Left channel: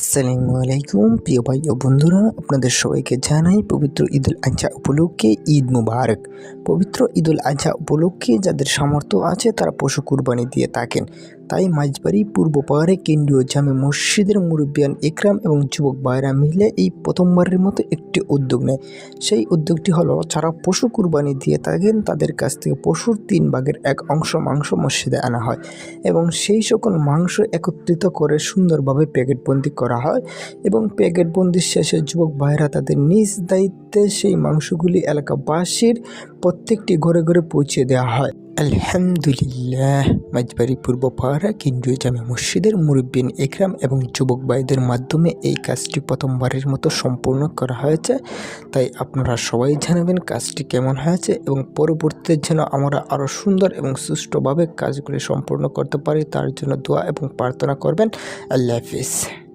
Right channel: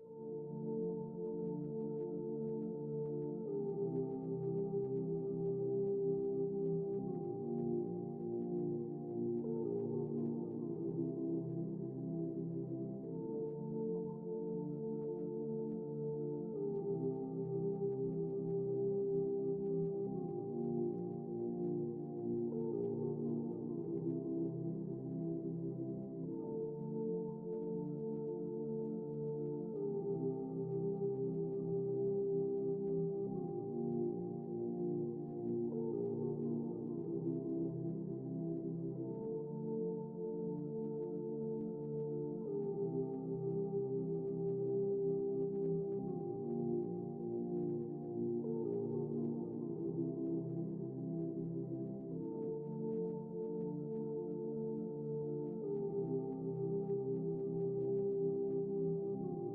আসসালামু আলাইকুম, প্রিয় ভাই ও বন্ধুরা। আপনাদের সবাইকে জানাই পবিত্র ঈদ আজহা উপলক্ষে ঈদ মুবারক। পবিত্র ঈদুল আজহা উপলক্ষে যাদের সামর্থ্য আছে, তারা পশু কুরবানি দিয়ে থাকেন। তাই মাঝবাড়ি, পূর্ব পাহাড়ে কেন্দ্রীয় জামে মসজিদের মুরব্বিয়ান ইকরাম এবং যুবক ভাইরা মিলে এই প্রথমবারের মতো একটি উদ্যোগ নেয়। সেই উদ্যোগটি হলো, যারা পশু কুরবানি দিয়ে থাকেন, তাদের কাছ থেকে পশুর তিন ভাগের এক অংশ মাংস মসজিদে আনা হয় এবং সেই সকল মাংস একত্রিত করে সুন্দরভাবে প্যাকেটবন্দি করা হয় এবং প্যাকেটবন্দির শেষে যুবক ভাইরা তাদের নিজ দায়িত্বে সেই মাংসগুলি এলাকাবাসীর প্রত্যেকটি ঘরে ঘরে পৌঁছে দেওয়া হয়। আলহামদুলিল্লাহ। মাঝবাড়ি পূর্ব পাহাড়া কেন্দ্রীয় জামে মসজিদের মুরব্বিন একরাম এবং যুবক ভাইদের মাধ্যমে এই কাজটি প্রথমবারের মতো সম্পূর্ণ করা হয়েছে। তাই আপনারা সবাই জানাবেন কাজটি কেমন হয়েছে এবং পরবর্তীতে যেন আমরা আরও সুন্দর এবং সুষ্ঠুভাবে কাজগুলি সম্পূর্ণ করতে পারি, তার জন্য দোয়া এবং প্রার্থনা করবেন। আল্লাহ হাফিজ।